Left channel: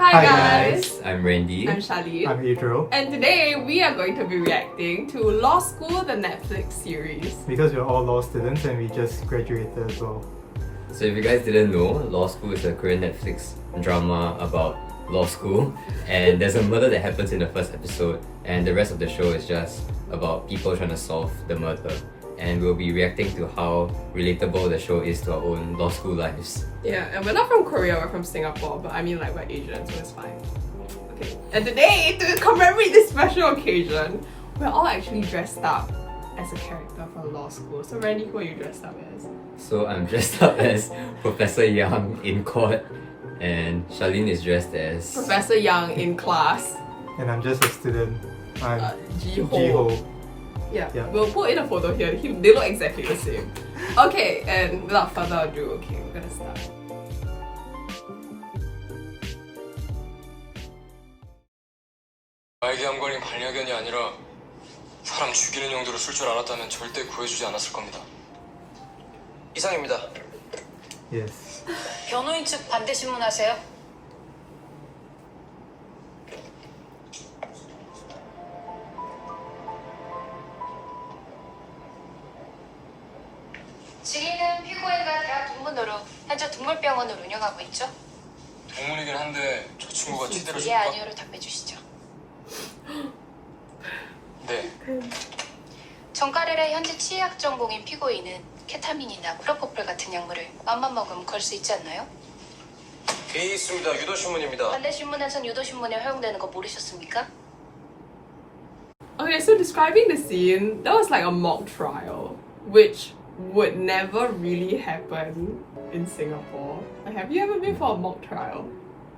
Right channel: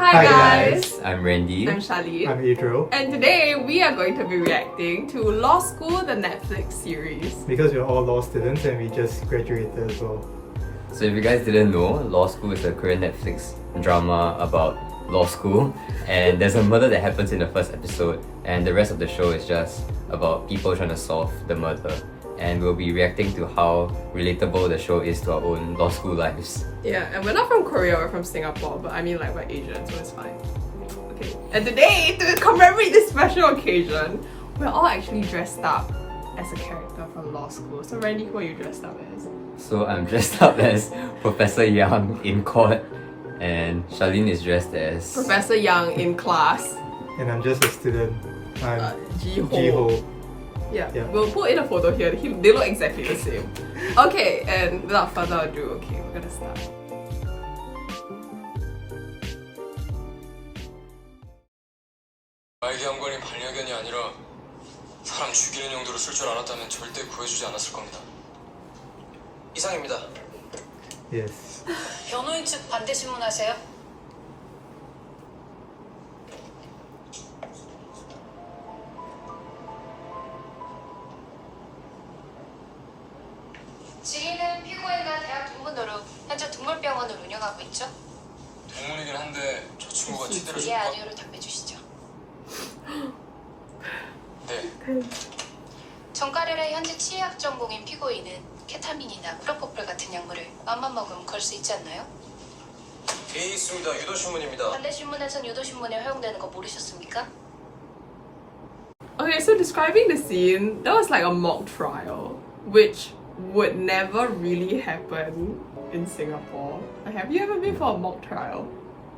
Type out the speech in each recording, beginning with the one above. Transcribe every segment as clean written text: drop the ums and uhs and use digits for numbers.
Hi guys, I'm Randy. I'm Charlene. I'm Adriel. And today we are going to be reacting to Law School, the Netflix series. Because we're all law students and we just graduated as well. So if you guys didn't know, Law School is a Korean Netflix drama about law school, and there's a murder that happens in the first episode, and the rest of the show is just about people trying to solve the murder. And we'll be reacting to how relatable the show is to our own law school lives. Yeah, and we're not from Korea, we're from Singapore, but I mean like we're Asian, so it's fine. Okay, and today, to commemorate this special occasion, we're all actually dressed up as a character from Law School. So Randy, who are you dressed up as? So I'm dressed up as Professor Yang in court, and Charlene is dressed as Professor Yang in class. And I'm just a student. I'm Ji-ho. Ji-ho. Yeah, Yeah. we'll put in a photo here. They look exactly the same. Okay, and without further ado, okay, we're gonna start. 나에게 한 거린 반려견이 아니라 사람 죽이는 용도로 쓸 줄 알았다면 절대 구해주지 않았을 겁니다. 이상입니다. Yes. 변호인 측 반대 신문하세요. 지인은 피고인과 대학 동문으로 현재 동물병원을 운영하고 있죠. 동문이긴 한데 저 친구가 예 치대를 아니요로 답해 주시죠. 네. 정가를의 현재 치약 전공인 피고인은 케타민이나 프로포폴 같은 약물을 맘만 먹으면 걸 수 있지 않나요? 돼 있습니다. 유도신문입니다. 반대 신문에선 유도 신문에 허용되는 거 모르셨습니까? Okay, so describing the scene, that was like a mock trial, which would never really happen in Singapore. Like, have you ever been for a mock trial?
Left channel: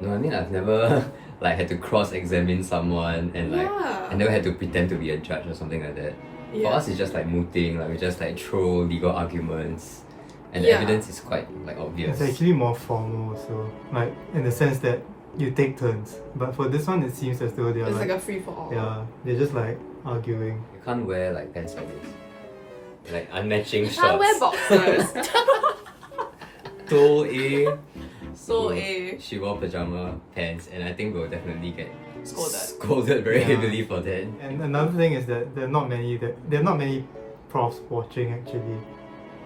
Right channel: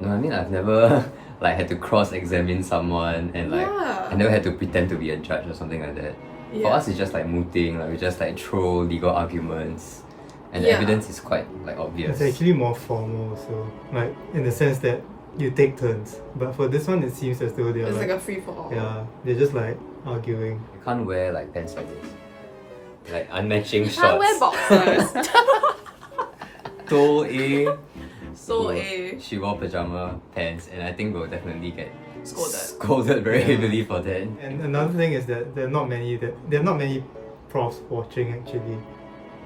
No, I mean I've never like had to cross-examine someone and like Yeah. I never had to pretend to be a judge or something like that. For Yeah. us it's just like mooting, like we just like throw legal arguments, and the Yeah. evidence is quite like obvious. It's actually more formal, so like in the sense that you take turns. But for this one, it seems as though they're It's like like, a free for all. yeah, they're just like arguing. You can't wear like pants like this. Like unmatching You shorts. can't wear boxers. So A. So A. She wore pajama pants, and I think we'll definitely get Scolded. scolded very Yeah. heavily for that. And another thing is that there are not many profs watching actually.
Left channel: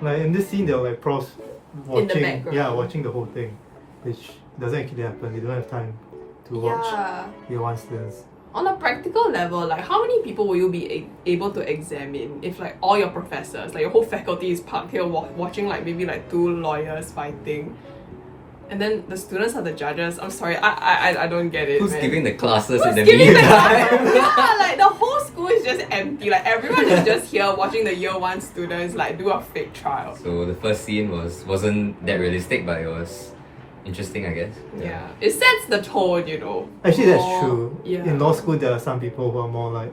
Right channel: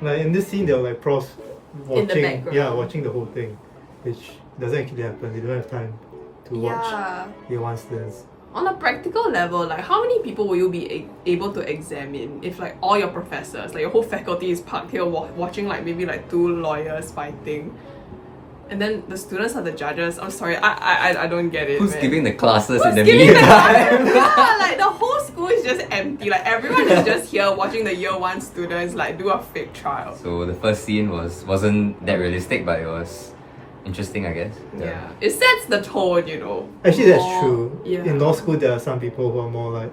Like in this scene, there were like profs watching. In the background. Yeah, watching the whole thing, which doesn't actually happen. They don't have time to watch Yeah. year one students. On a practical level, like how many people will you be able to examine if like all your professors, like your whole faculty is parked here watching like maybe like two lawyers fighting, and then the students are the judges? I'm sorry, I don't get it. Who's man. giving the classes Who's in the giving the meantime? classes? Yeah, like the whole school is just empty. Like everyone is just here watching the year one students like do a fake trial. So the first scene wasn't that realistic, but it was interesting, I guess. Yeah, it sets the tone, you know. Actually, that's more- true. Yeah. In law school, there are some people who are more like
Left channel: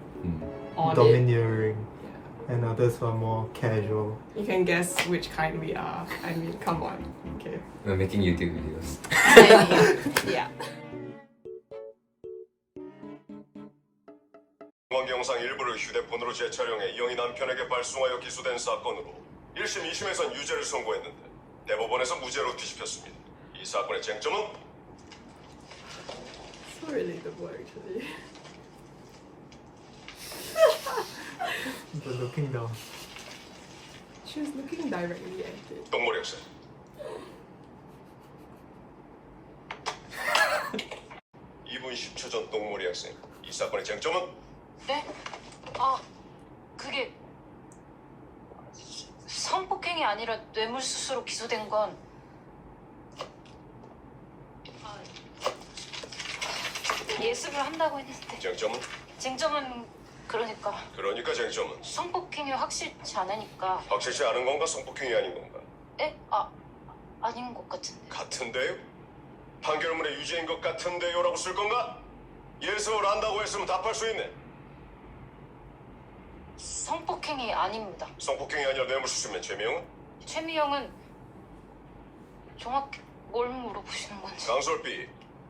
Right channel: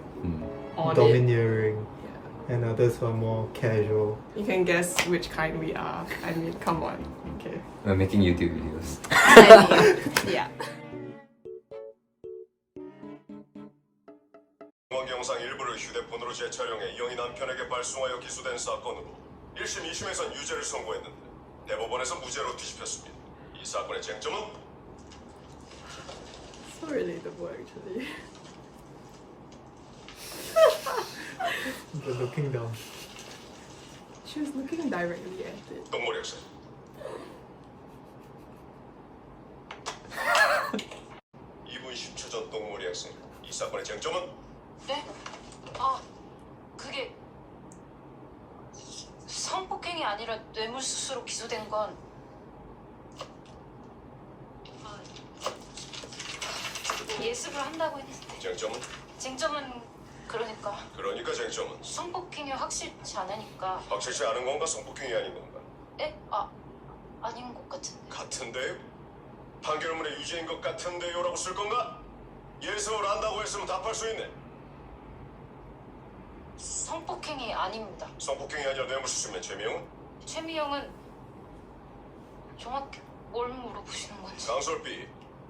On it. domineering, Yeah. and others who are more casual. You can guess which kind we are. I mean, come on. Okay. We're making YouTube videos. Yeah. 공항 영상 일부를 휴대폰으로 재촬영해 이영희 남편에게 발송하여 기소된 사건으로 1심, 2심에선 유죄를 선고했는데 대법원에서 무죄로 뒤집혔습니다. 이 사건의 쟁점은 So relatable actually. But looking down. She was looking directly at it. 동물 학생. 2분 10초 전 동물이 학생. 이 사건의 쟁점은 네? 그게 성폭행이 아니라 뇌물수수로 기소된 건 예습을 한다고 했는데 쟁점은 쟁점은 그러니까 쟁점은 성폭행이 확실치 않으니까 확실치 않은 건가 성폭행이 아닌 건가? 에? 아닌 것 같은데 같은데요? 판결문의 유죄인 것 같은데요라고 쓸 건가? 예습을 한다고 했으면 답할 수 있네. 성폭행이 아닙니다. 성폭행이 아니라 뇌물수수면 죄명은? 최미영은 정확히 뭘 물어보시는 건지 강솔비.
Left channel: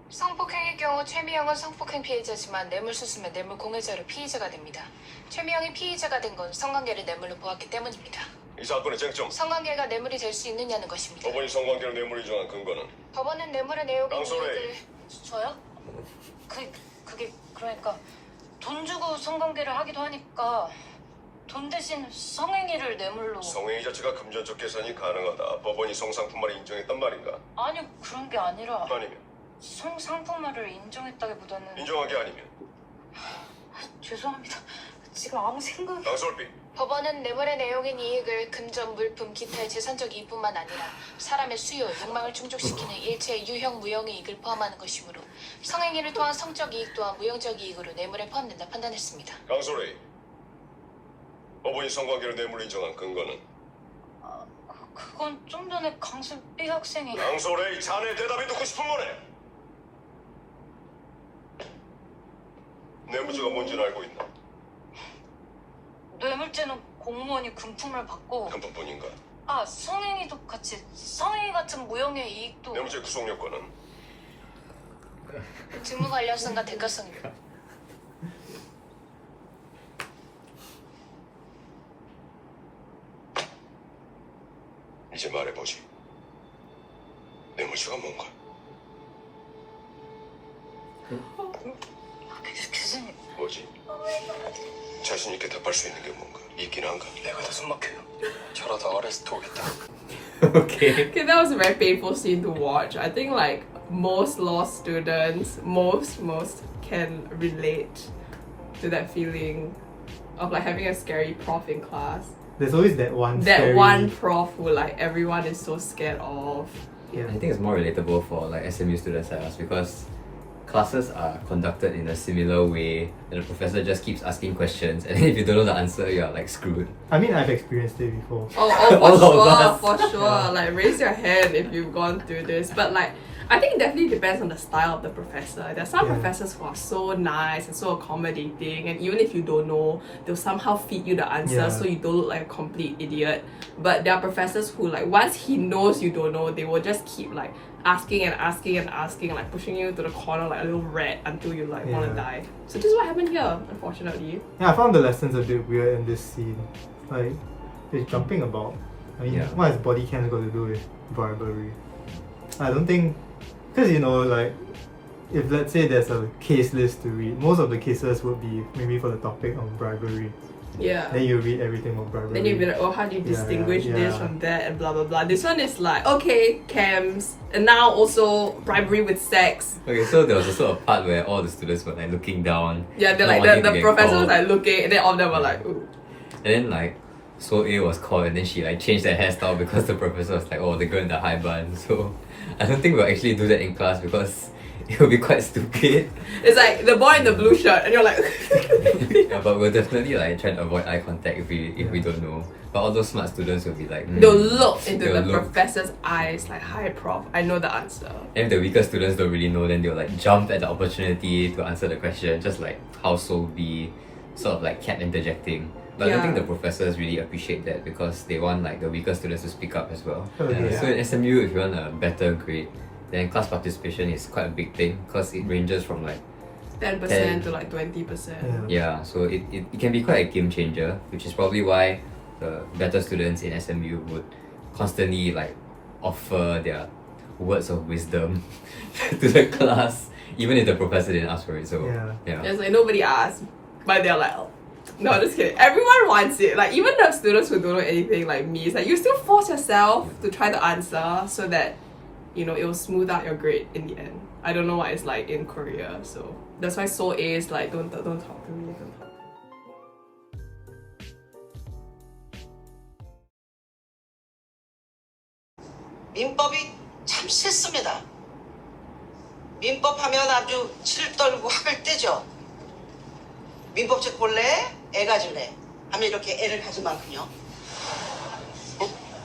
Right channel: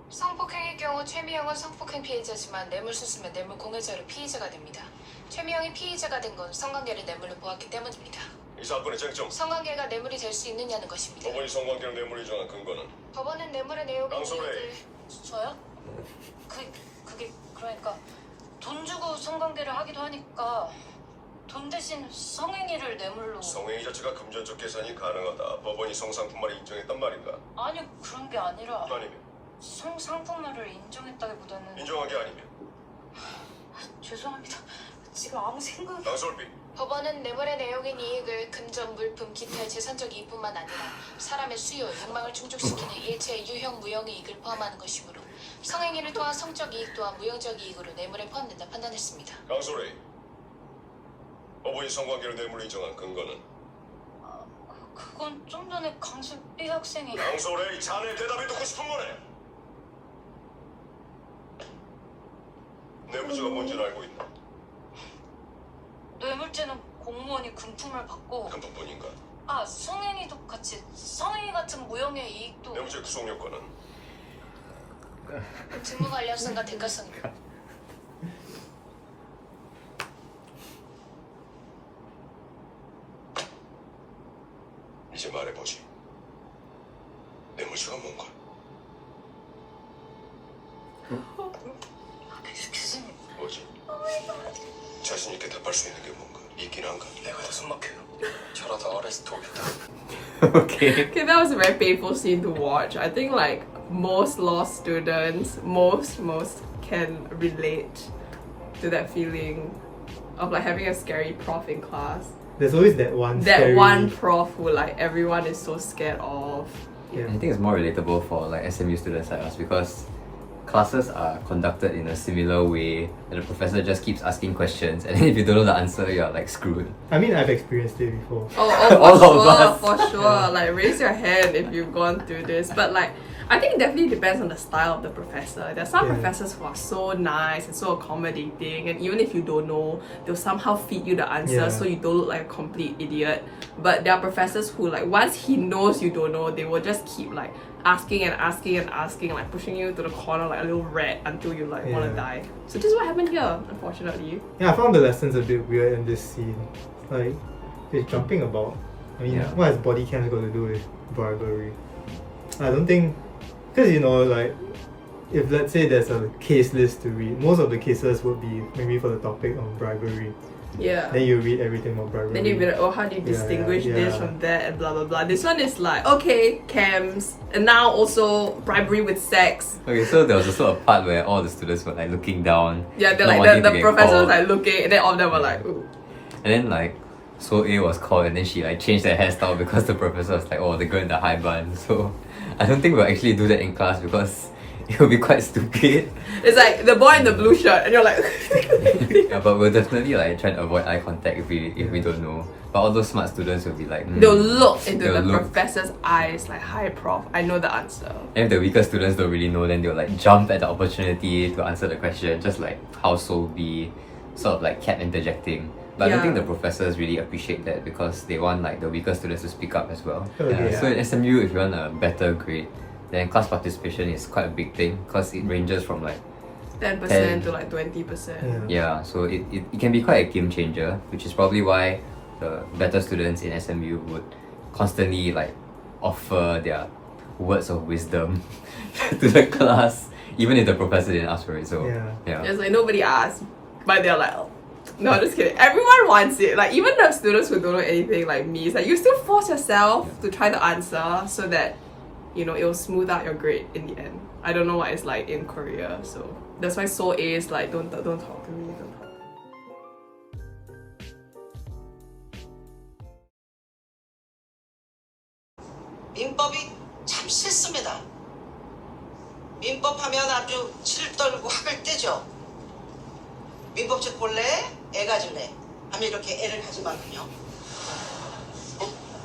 성폭행의 경우 최미영은 성폭행 피해자지만 뇌물수수면 뇌물 공여자로 피의자가 됩니다. 최미영이 피의자가 된 건 성관계를 뇌물로 보았기 때문입니다. 이 사건의 쟁점. 성관계가 뇌물이 될 수 있느냐는 것입니다. 법원이 성관계를 뇌물이 정한 근거는? 법원은 뇌물의 내용을 강소래. 저요? 성관계를 하기도 하니까 돈 대신 성행위를 뇌물로. 성행위 자체가 금전적 계산이 가능하다. 법원이 성상품만을 인정했단 말인가? 아니 그런 게 아니라 아니면 성상품화를 인정했다기보다는. 인정한 게 아니면 죄송합니다. 지금 아무 생각이. 강솔비. 법원은 뇌물의 내용인 이익을 금전, 물품, 기타의 재산적 이익뿐만 아니라 사람의 수요, 욕망을 충족시키는 일체의 유형, 무형 이익을 포함하는 것이므로 성행위를 통한 성적 이익 또한 무형적 이익으로 뇌물에 포함된다 판단했습니다. 강솔레이. 법원이 성관계를 뇌물로 인정한 근거는? 그건 좀 전에 강수 B 학생이. 강솔레이, 자네 대답이 듣고 싶은 거네. 뇌물죄가 뭔지는 알고 있나? 뇌물죄는 공무원이 금품을 받고. 한 번뿐인가? 성행위도 같이. 성행위 같은 무형의 이익도. 뇌물죄 구속 요건은? 직무 관련성과 대가성. 이제 말해보지. 뇌물죄가 뭔가? 교수님. 뭐지? 자신 있게 답할 수 있는 게 뭔가? 있긴 한가? 내가 다 숨막혀요. 저러다 어레스트 오겠다. Okay. Okay, that was a very painful scene to watch. I think like most law students, most can relate to that feeling of like having a scary prof in class. There's always that one. That scary, one prof who like everyone is so scared of. Yeah. I think it's more relatable for like SMU students like us because classes are conducted in a similar way and the professor just keeps asking questions and then if you don't know the answer you're like screwed. I mean, I've experienced it before. Oh, All of for us. sure, for sure. Yeah. Like raise your hand if you've gone through this. But like, I think it definitely depends on the style of the professor. There are some Yeah. professors who are so nice and so accommodating, and even if you don't know, they'll somehow feed you the answer Yeah. so you don't look like a complete idiot. But there are professors who like once he knows you don't know, they will just keep like asking and asking and asking, like pushing you to the corner like a little rat until you like wanna Yeah. die. So this is what happened here, unfortunately. Yeah, I found the lessons a bit weird in this scene. Like, they're jumping about. I mean, Yeah. what has body cams got to do with bribery? I don't think, because you know, like, if let's say there's a case list to read, most of the cases would be maybe for the topic of bribery. Yeah. Then you read everything about bribery. Then you'd be like, oh, how do you Yeah, distinguish yeah, this yeah. from that and blah blah blah. This one is like, okay, cams, and now also bribery with sex. Okay, so there was also a part where all the students were like looking down. Yeah, they're not like wanting to the get professor was called. like looking, and then all of them were like, ooh. And then like So A was called and then she like changed her hairstyle because the professor was like, oh, the girl in the high bun. So I don't think we'll actually do that in class because it will be quite stupid. It's like the boy in the blue shirt, and you're like, Yeah, but we'll definitely like try to avoid eye contact if we don't know. But all those smart students will be like, they'll look into they'll the look. professor's eyes like, hi prof, I know the answer. And if the weaker students don't really know, then they'll like jump at the opportunity to answer the question, just like household B, sort of like kept interjecting. But I don't Yeah. think the professors really appreciate that because they want like the weaker students to speak up as well. Okay. So in SMU, if you want a better grade, then class participation is quite a big thing because it ranges from like 10% to like 20%. yeah, so it can be quite a game changer, which is probably why the better students in SMU would constantly like offer their words of wisdom to the class, even if the professor didn't ask for it. So Yeah. It's like nobody asked, but they're like, oh. No, just kidding. Everyone wants it. Like even the students who don't know anything like me, it's like you still force yourself to try to answer so that you know it will smooth out your grade in the end. I don't know what it's like in Korea, so that's why Seoul A is like don't talk to me. Don't talk. 민법이 참 싫습니다. 민법하면 아주 칠 떨고 학을 떼죠. 민법책 볼래? 애 가질래? 하면 이렇게 애를 가지만군요.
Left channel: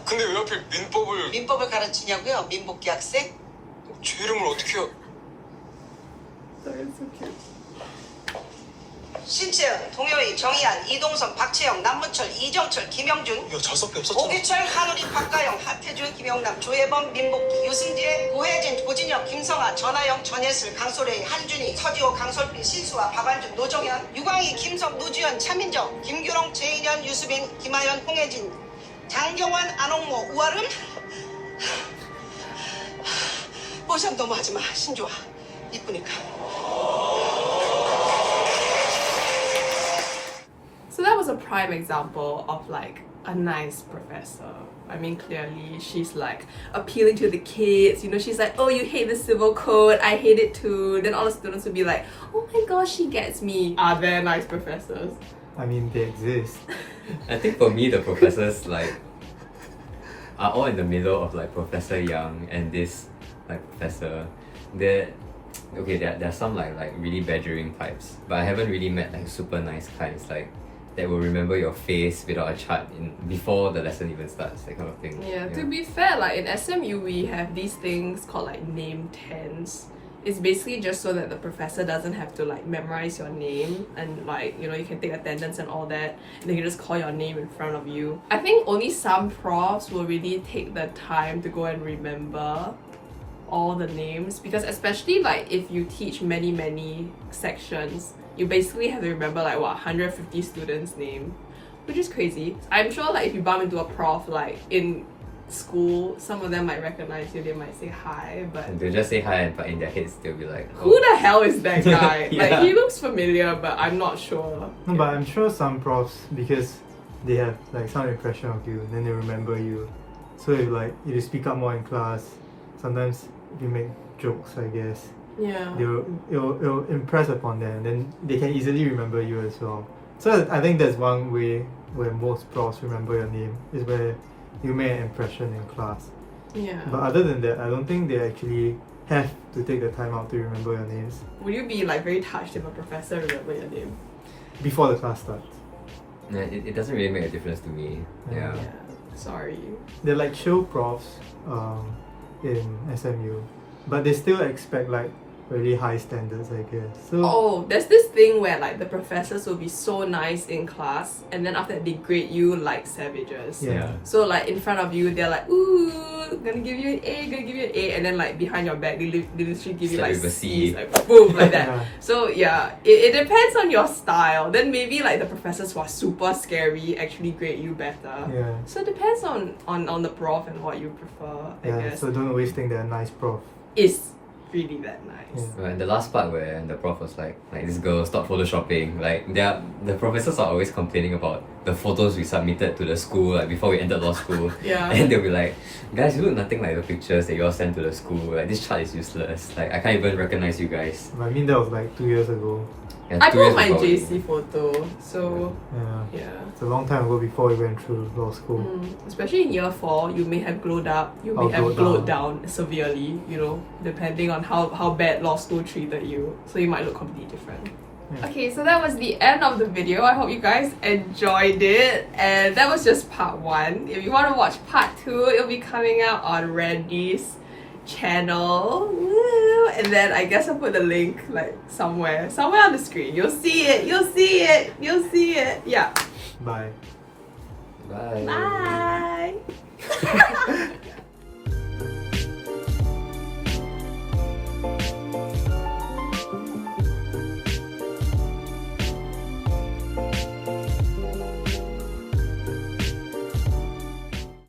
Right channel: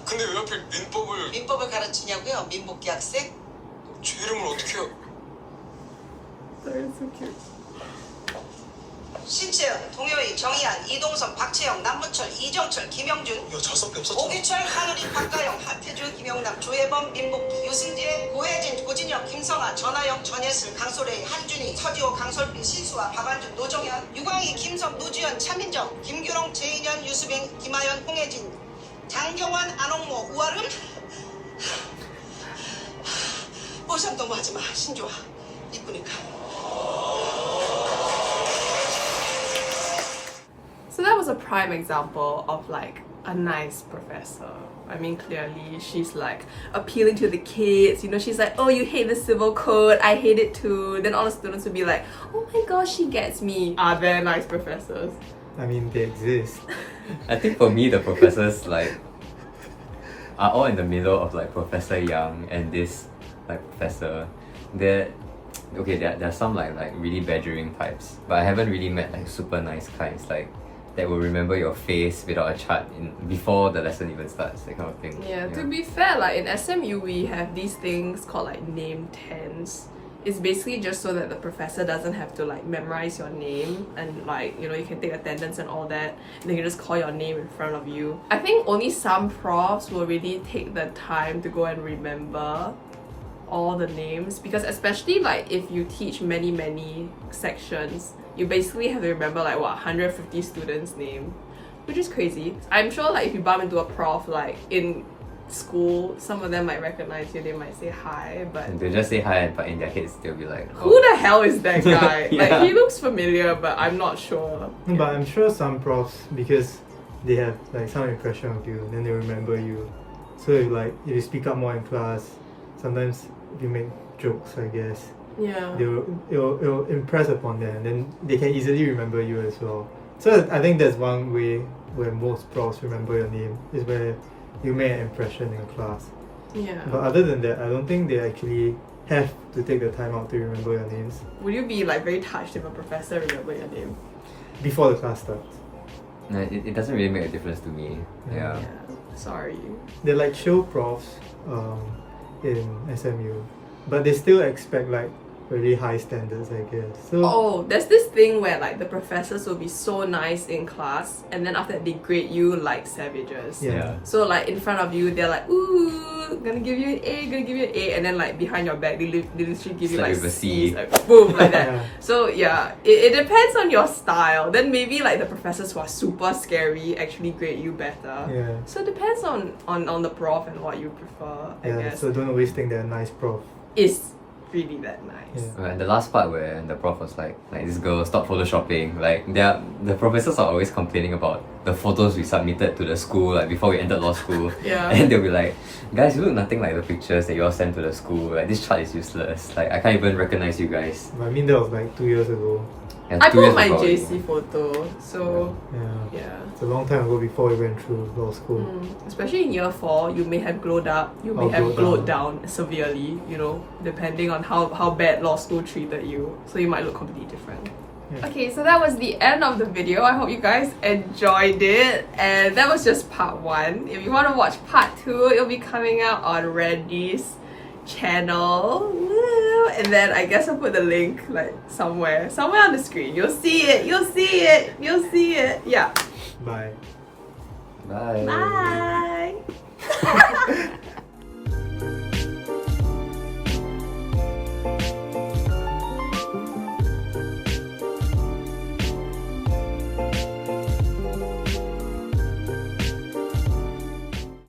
근데 왜 하필 민법을 민법을 가르치냐고요? 민복기 학생? 제 이름을 어떻게 해요? Sorry, it's so cute. 신채연, 동효희, 정희안, 이동석, 박채영, 남부철, 이정철, 김영준, 이거 자석이 없었잖아. 오기철, 한우리, 박가영, 하태주, 김영남, 조혜범, 민복기, 유승재, 고혜진, 고진혁, 김성아, 전하영, 전예슬, 강소래, 한준희, 서지호, 강솔빈, 신수아, 박완준, 노정현, 유광희, 김석, 노주현, 차민정, 김규롱, 제인현, 유수빈, 김하연, 홍혜진, 장경환, 안홍모, 우아름. 모션 너무 하지마, 신조아. 이쁘니까. was a prime example of like a nice professor. I mean, clearly she's like appealing to the kids, you know, she's like, oh, you hate the civil code, I hate it too. Then all the students would be like, oh my gosh, she gets me. Are there nice professors? I mean, they exist. I think for me, the professors like are all in the middle of like Professor Young and this like professor. There are some like really badgering types, but I haven't really met like super nice kinds like that will remember your face without a chart before the lesson even starts, that kind of thing. Yeah, to be fair, like in SMU we have these things called like name tents. It's basically just so that the professor doesn't have to like memorize your name, and like, you know, you can take attendance and all that, and they can just call your name in front of you. I think only some profs will really take the time to go and remember all the names, because especially like if you teach many sections, you basically have to remember like what, 150 students' name, which is crazy. I'm sure like if you bump into a prof like in school, some of them might recognize you, they might say hi, but And they'll just say hi, but in their heads they'll be like, who the hell is that guy? Yeah. Like, he looks familiar, but I'm not sure. No, but I'm sure some profs, because they have like some impression of you, then they remember you. So if you speak up more in class, sometimes you make jokes, I guess, Yeah. it'll impress upon them, and then they can easily remember you as well. So I think that's one way where most profs remember your name, is where you made an impression in class. Yeah. But other than that, I don't think they actually have to take the time out to remember your names Would you be like very touched if a professor remember your name? before the class starts. no, it doesn't really make a difference to me. Yeah. Yeah. Sorry. They're like show profs in SMU, but they still expect like really high standards, I guess. So Oh, there's this thing where like the professors will be so nice in class, and then after that they grade you like savages. yeah. So like in front of you, they're like, ooh, gonna give you an A, gonna give you an A, and then like behind your back, they literally give you Start like with a C's, C. like boom, like that. Yeah. So yeah, it depends on your style. Then maybe like the professors who are super scary actually grade you better. Yeah. So it depends on the prof and what you prefer, I Yeah, guess. so don't always think they're a nice prof. It's really that nice. Yeah. And the last part where the prof was like this girl, stop photoshopping. Like the professors are always complaining about the photos we submitted to the school like before we entered law school. Yeah. And they'll be like, guys, you look nothing like the pictures that you all sent to the school. Like this chart is useless. Like I can't even recognize you guys. But I mean, that was like 2 years ago. And I 2 put years my ago, JC photo, so Yeah. yeah. It's a long time ago before we went through law school. Especially in year 4, you may have glowed up, you may Or have glowed glowed down severely, you know, depending on how bad law school treated you. So you might look completely different. Yeah. Okay, so that was the end of the video. I hope you guys enjoyed it. And that was just part 1. If you want to watch part 2, it'll be coming out on Randy's channel. Woo! And then I guess I'll put the link like somewhere on the screen. You'll see it. Yeah. Bye. Bye. Bye.